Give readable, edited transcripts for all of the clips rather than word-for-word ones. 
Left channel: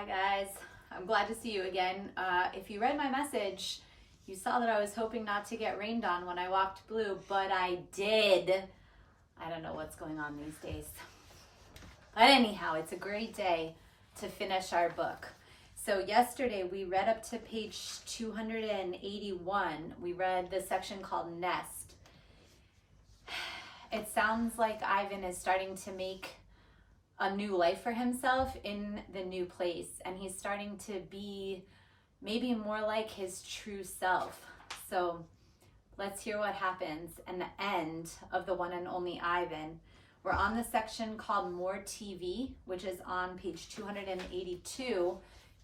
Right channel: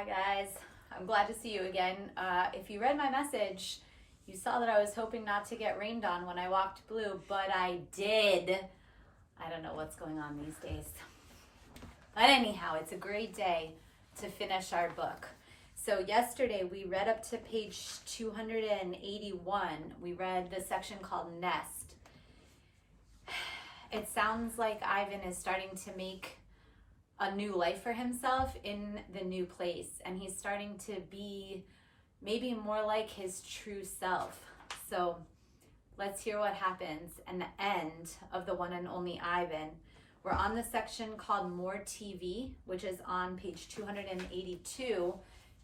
Hi guys, I'm glad to see you again. If you read my message, you saw that I was hoping not to get rained on when I walked blue, but I did. I don't know what's going on these days. But anyhow, it's a great day to finish our book. So yesterday we read up to page 281. We read the section called Nest. It sounds like Ivan is starting to make a new life for himself in the new place, and he's starting to be maybe more like his true self. So let's hear what happens in the end of The One and Only Ivan. We're on the section called More TV, which is on page 282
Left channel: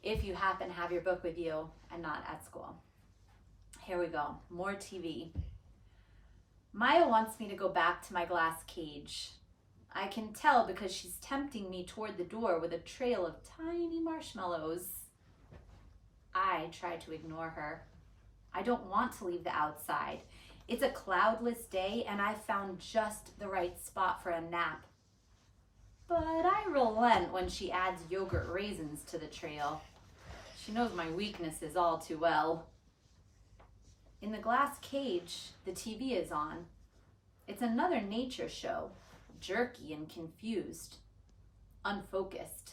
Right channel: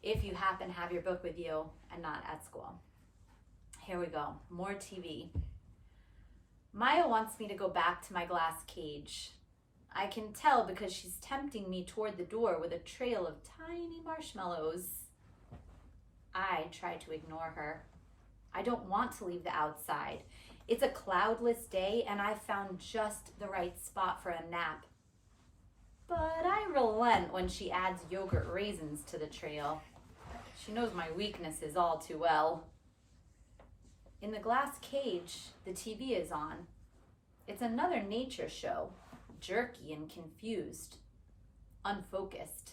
if you happen to have your book with you and not at school. Here we go. More TV. Maya wants me to go back to my glass cage. I can tell because she's tempting me toward the door with a trail of tiny marshmallows. I try to ignore her. I don't want to leave the outside. It's a cloudless day and I've found just the right spot for a nap. But I relent when she adds yogurt raisins to the trail. She knows my weaknesses all too well. In the glass cage, the TV is on. It's another nature show. Jerky and confused, unfocused.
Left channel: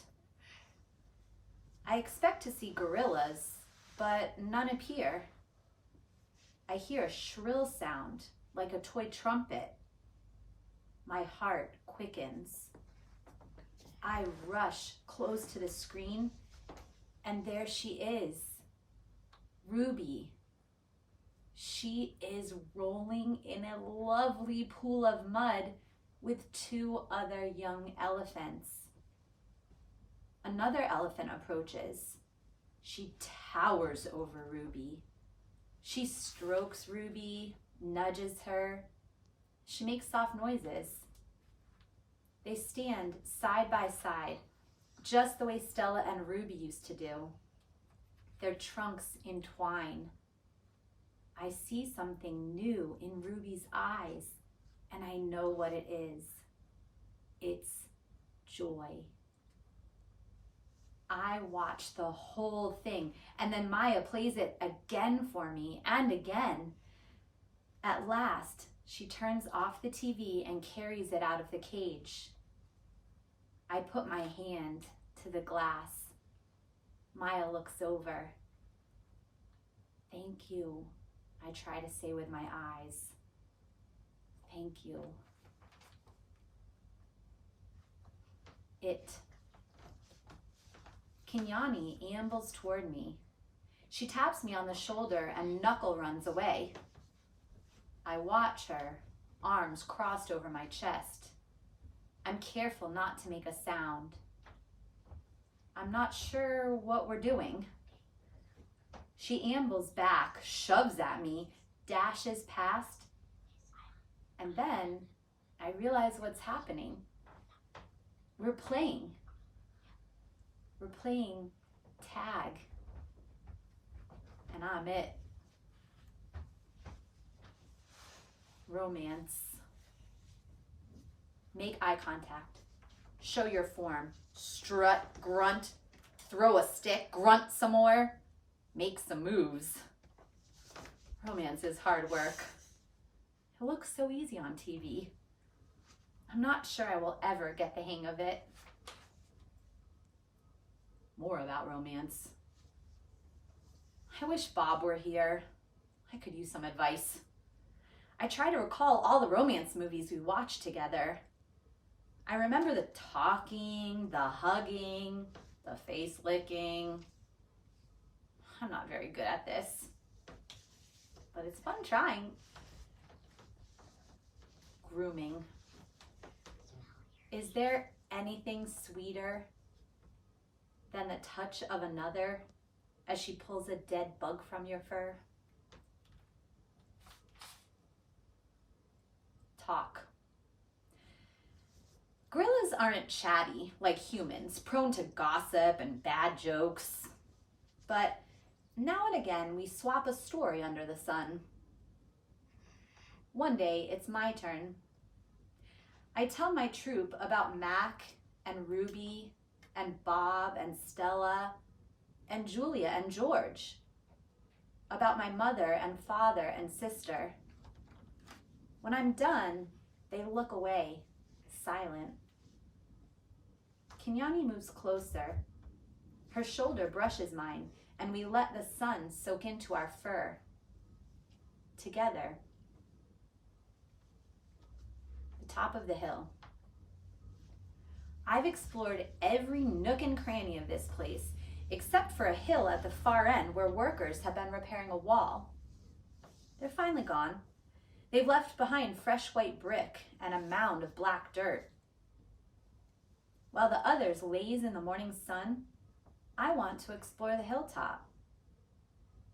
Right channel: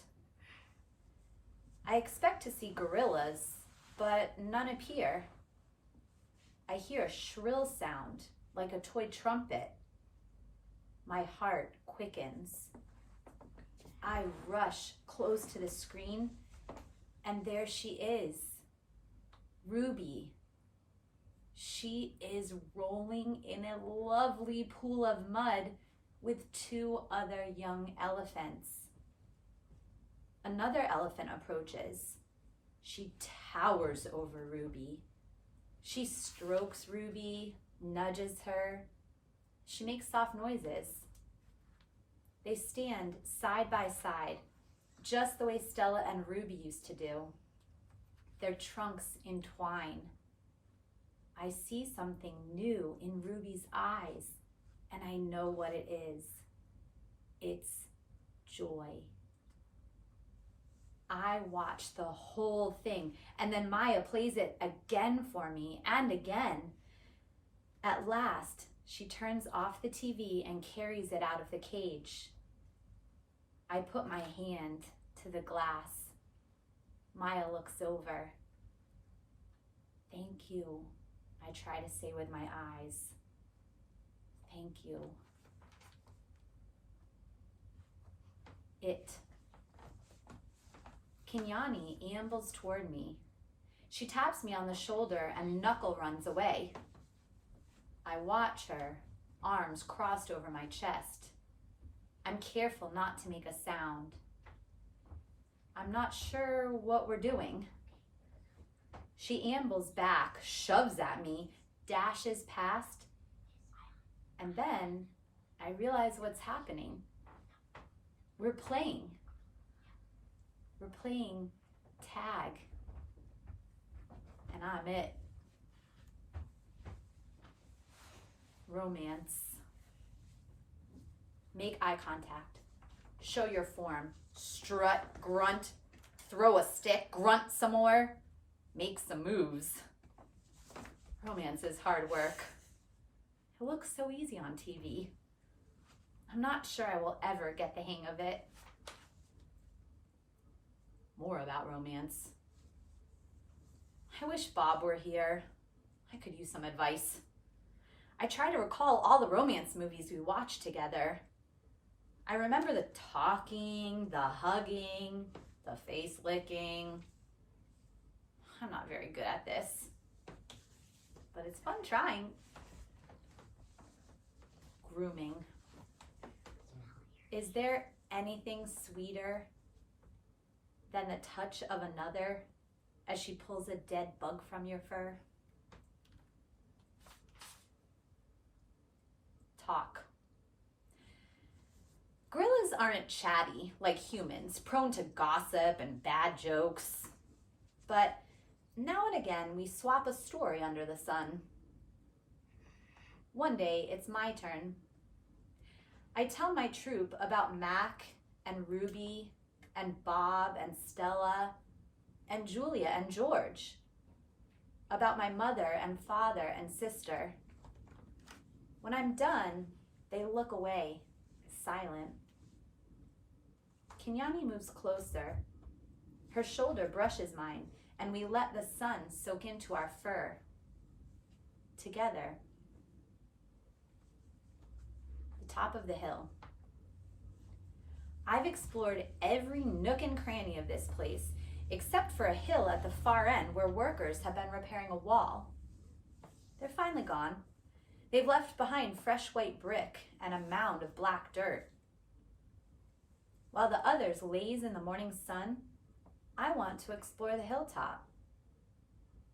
I expect to see gorillas, but none appear. I hear a shrill sound, like a toy trumpet. My heart quickens. I rush close to the screen, and there she is, Ruby. She is rolling in a lovely pool of mud with two other young elephants. Another elephant approaches. She towers over Ruby. She strokes Ruby, nudges her. She makes soft noises. They stand side by side, just the way Stella and Ruby used to do. Their trunks entwine. I see something new in Ruby's eyes. And I know what it is. It's joy. I watch the whole thing, and then Maya plays it again for me and again. At last, she turns off the TV and carries it out of the cage. I put my hand to the glass. Maya looks over. Thank you, I try to say with my eyes. Thank you. Kenyani ambles toward me. She taps me on the shoulder and Knuckle runs away. I watch her, arms crossed over my chest. I'm careful not to make a sound. I'm not sure what we're doing. She ambles back, shoves at me, dashes past, and then I realize what's happening. We're playing. We're playing tag. And I'm it. Romance. Make eye contact. Show your form. Strut, grunt, throw a stick, grunt some more. Make some moves. Romance is hard work. It looks so easy on TV. I'm not sure I will ever get the hang of it. More about romance. I wish Bob were here. I could use some advice. I try to recall all the romance movies we watched together. I remember the talking, the hugging, the face licking. I'm not very good at this, but it's fun trying. Grooming. Is there anything sweeter than the touch of another as she pulls a dead bug from your fur? Talk. Gorillas aren't chatty like humans, prone to gossip and bad jokes. But now and again, we swap a story under the sun. One day, it's my turn. I tell my troop about Mac and Ruby and Bob and Stella and Julia and George, about my mother and father and sister. When I'm done, they look away, silent. Kenyani moves closer. Her shoulder brushes mine, and we let the sun soak into our fur. Together. The top of the hill. I've explored every nook and cranny of this place, except for a hill at the far end where workers have been repairing a wall. They're finally gone. They've left behind fresh white brick and a mound of black dirt. While the others laze in the morning sun, I want to explore the hilltop.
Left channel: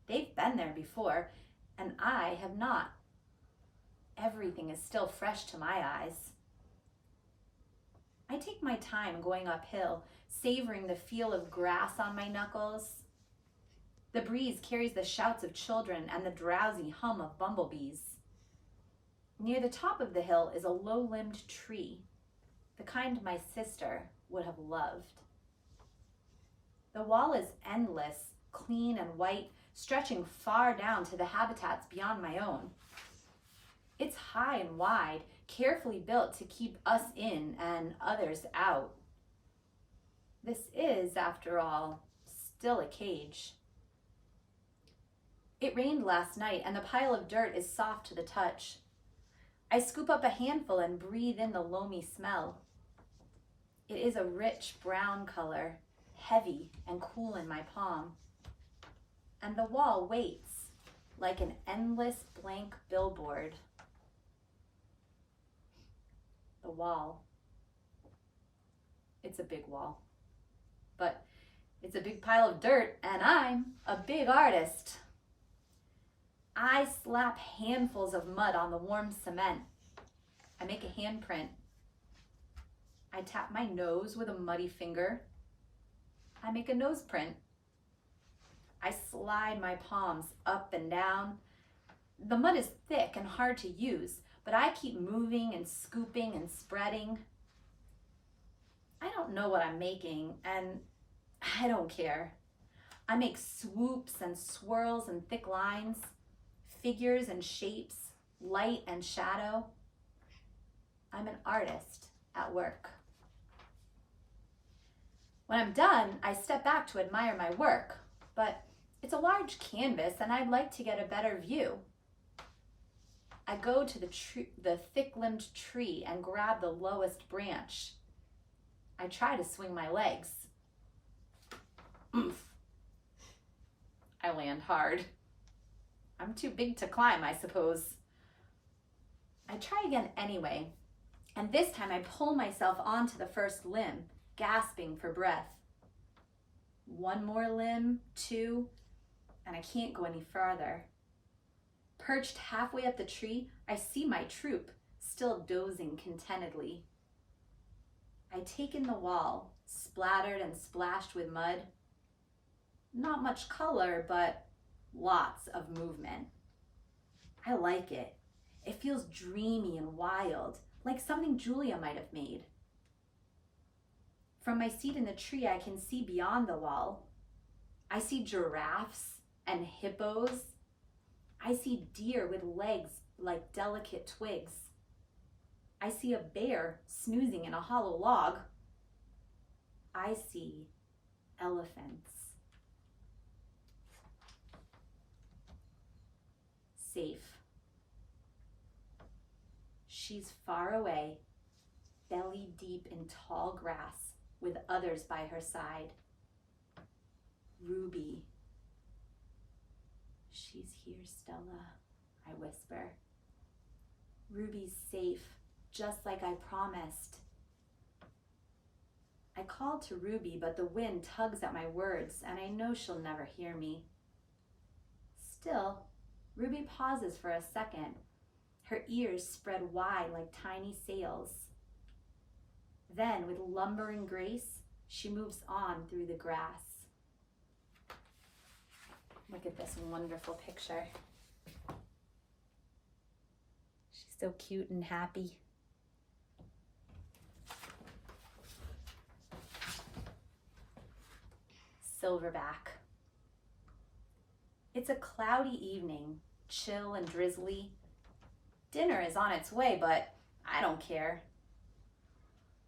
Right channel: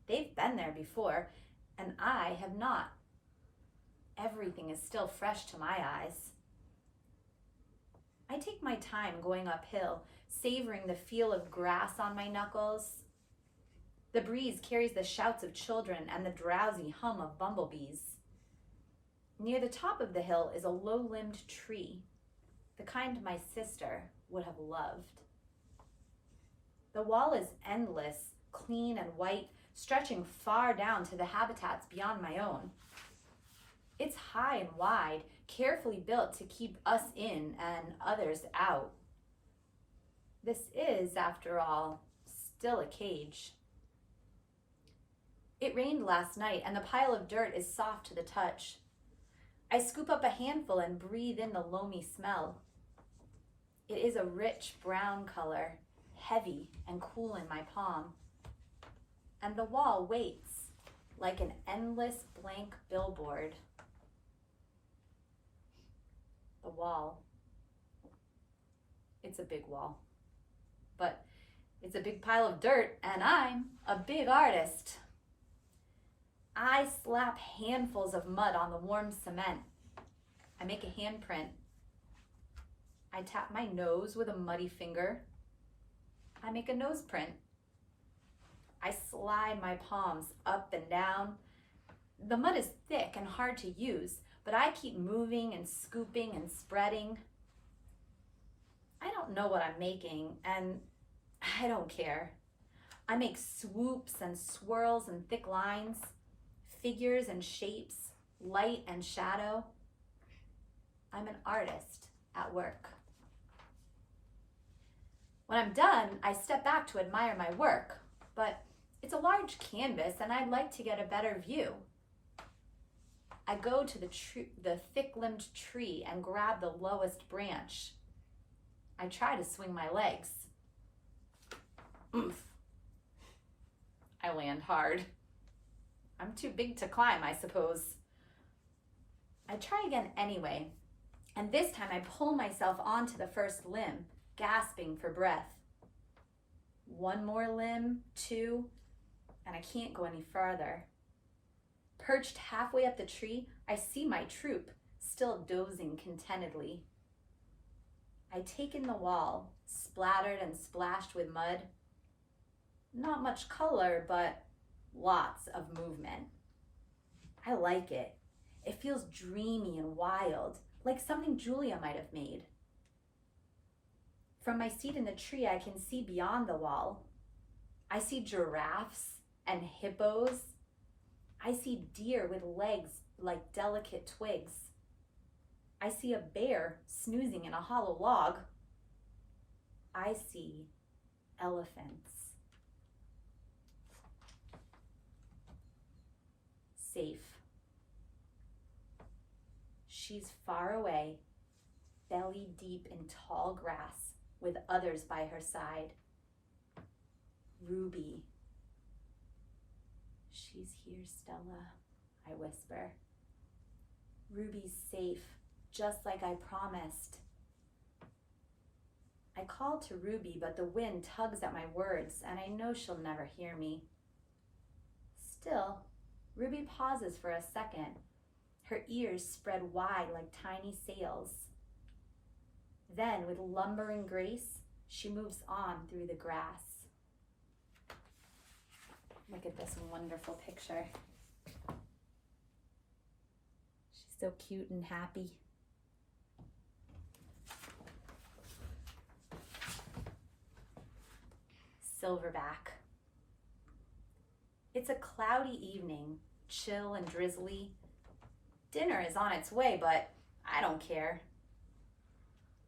They've been there before, and I have not. Everything is still fresh to my eyes. I take my time going uphill, savoring the feel of grass on my knuckles. The breeze carries the shouts of children and the drowsy hum of bumblebees. Near the top of the hill is a low-limbed tree, the kind my sister would have loved. The wall is endless, clean and white, stretching far down to the habitats beyond my own. It's high and wide, carefully built to keep us in and others out. This is, after all, still a cage. It rained last night, and the pile of dirt is soft to the touch. I scoop up a handful and breathe in the loamy smell. It is a rich brown color, heavy and cool in my palm. And the wall waits like an endless blank billboard. The wall. It's a big wall. But it's a big pile of dirt, and I'm a big artist. I slap handfuls of mud on the warm cement. I make a handprint. I tap my nose with a muddy finger. I make a nose print. I slide my palms up and down. The mud is thick and hard to use, but I keep moving and scooping and spreading. I don't know what I'm making, and I don't care. I make swoops and swirls and thick lines, figures and shapes, light and shadow. I'm an artist at work. When I'm done, I step back to admire my work, but it's a large canvas and I'd like to get a better view. I go to the thick-limbed tree and grab the lowest branch. I try to swing my legs. Oomph. I land hard. I'm too big to climb, I suppose. I try again anyway, and this time I pull myself onto the first limb, gasping for breath. One more limb, two, and I can't go any farther. Perched halfway up the tree, I see my troop, still dozing contentedly. I take in the wall, splattered and splashed with mud. Not much color, but lots of movement. I like it. It feels dreamy and wild, like something Julia might have made. From my seat in the tree, I can see beyond the wall. I see giraffes and hippos. I see deer with legs like delicate twigs. I see a bear snoozing in a hollow log. I see elephants. Safe. She's far away, belly deep in tall grass, with others by her side. Ruby. She's here, Stella, I whisper. Ruby's safe, just like I promised. I call to Ruby, but the wind tugs at my words, and I know she'll never hear me. Still, Ruby pauses for a second, her ears spread wide like tiny sails. Then, with lumbering grace, she moves on through the grass. Look at this wonderful picture. She's so cute and happy. Silverback. It's a cloudy evening, chill and drizzly. Dinner is on its way, but I don't care.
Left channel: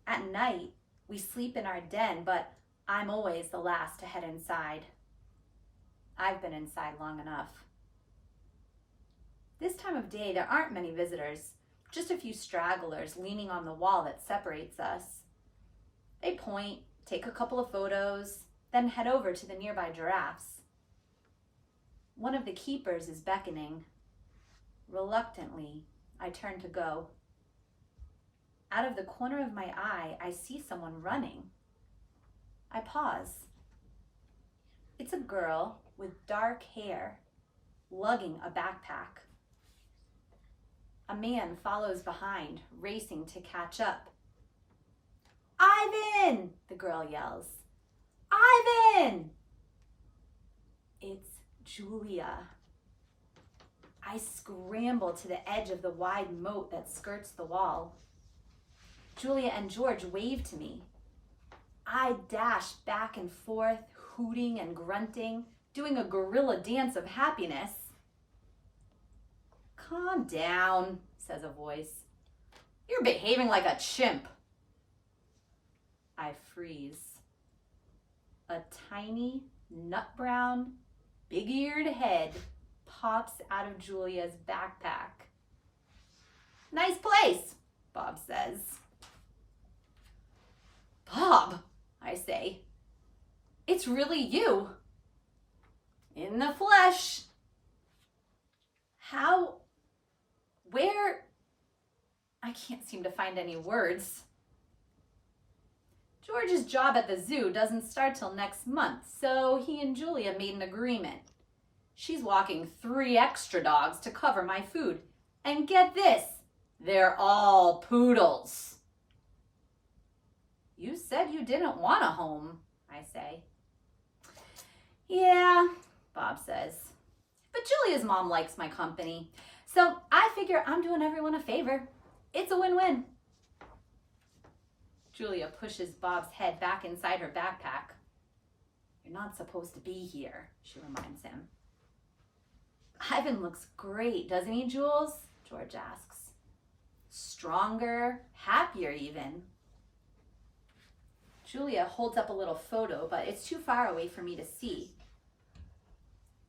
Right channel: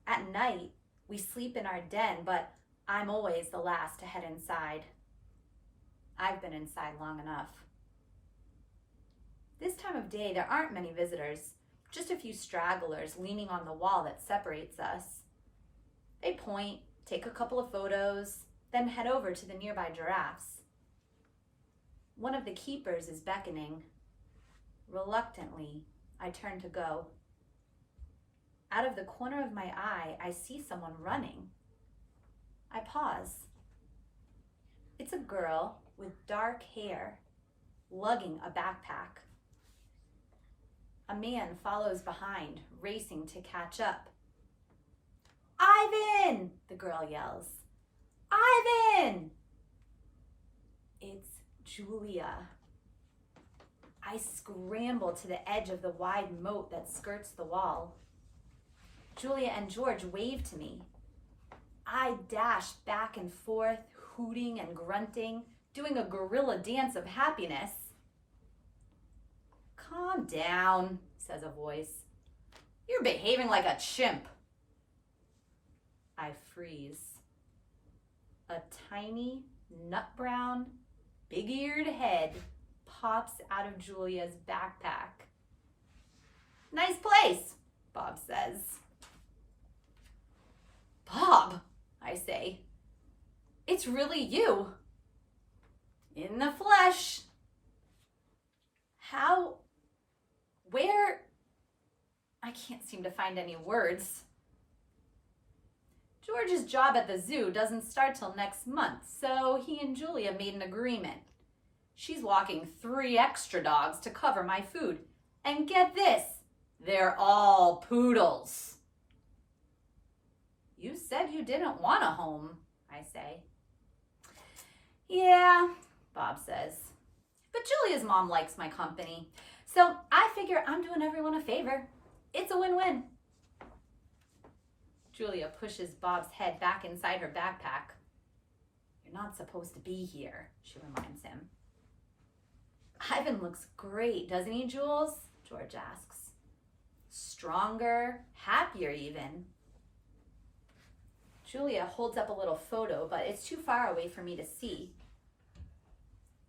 At night, we sleep in our den, but I'm always the last to head inside. I've been inside long enough. This time of day, there aren't many visitors, just a few stragglers leaning on the wall that separates us. They point, take a couple of photos, then head over to the nearby giraffes. One of the keepers is beckoning. Reluctantly, I turn to go. Out of the corner of my eye, I see someone running. I pause. It's a girl with dark hair, lugging a backpack. A man follows behind, racing to catch up. "Ivan!" the girl yells. "Ivan!" It's Julia. I scramble to the edge of the wide moat that skirts the wall. Julia and George wave to me. I dash back and forth, hooting and grunting, doing a gorilla dance of happiness. "Calm down," says a voice. "You're behaving like a chimp." I freeze. A tiny, nut-brown, big-eared head pops out of Julia's backpack. "Nice place," Bob says. "Bob," I say, "it's really you. In the flesh." "How? Where?" I can't seem to find any words. George's job at the zoo doesn't start till next month, so he and Julia made an agreement. She's walking 3 extra dogs to cover my food. And get this, they're all poodles. "You said you didn't want a home," I say. "Yeah," Bob says, "but Julia's mom likes my company, so I figure I'm doing everyone a favor. It's a win-win." Julia pushes Bob's head back inside her backpack. "You're not supposed to be here," she reminds him. "Ivan looks great, doesn't he, Jules?" George asks. "Stronger, happier even." Julia holds up a little photo, but it's too far away for me to see.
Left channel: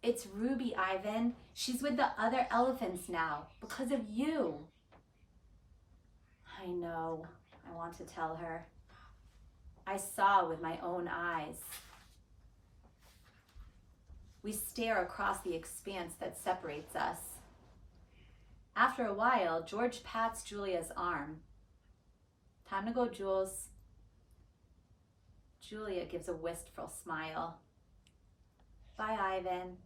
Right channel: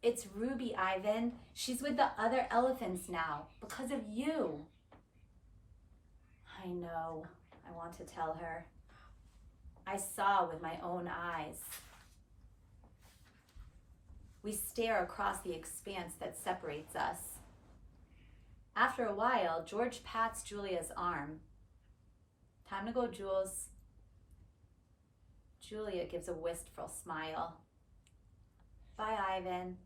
"It's Ruby, Ivan. She's with the other elephants now, because of you." I know, I want to tell her. I saw with my own eyes. We stare across the expanse that separates us. After a while, George pats Julia's arm. "Time to go, Jules." Julia gives a wistful smile. "Bye, Ivan.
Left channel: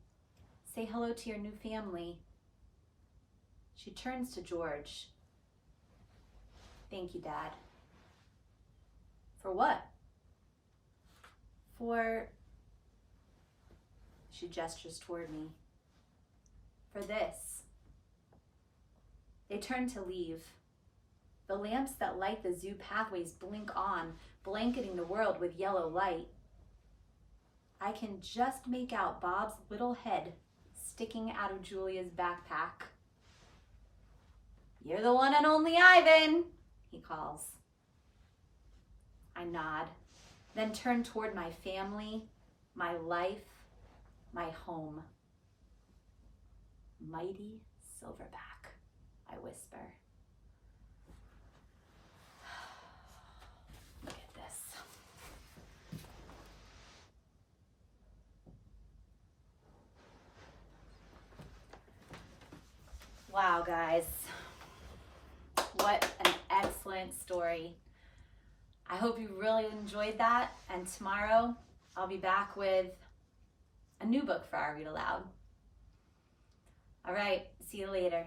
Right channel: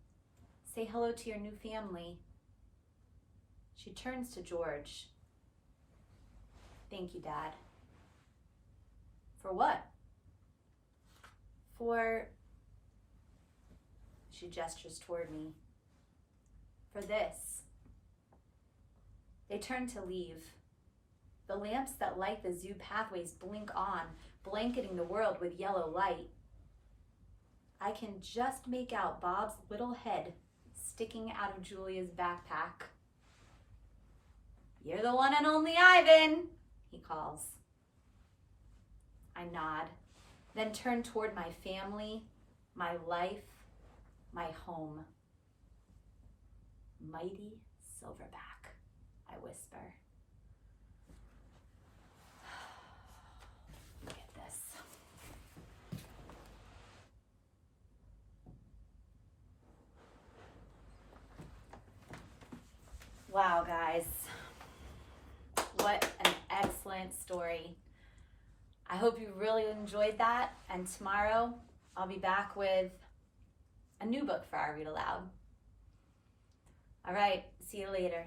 Say hello to your new family." She turns to George. "Thank you, Dad." "For what?" "For," she gestures toward me, "for this." They turn to leave. The lamps that light the zoo pathways blink on, blanketing the world with yellow light. I can just make out Bob's little head sticking out of Julia's backpack. "You're the one and only Ivan," he calls. I nod, then turn toward my family, my life, my home. "Mighty Silverback," I whisper. Look at this. Wow, guys. What an excellent story. I hope you really enjoyed that, and tomorrow I'll be back with a new book for our Read Aloud. All right, see you later.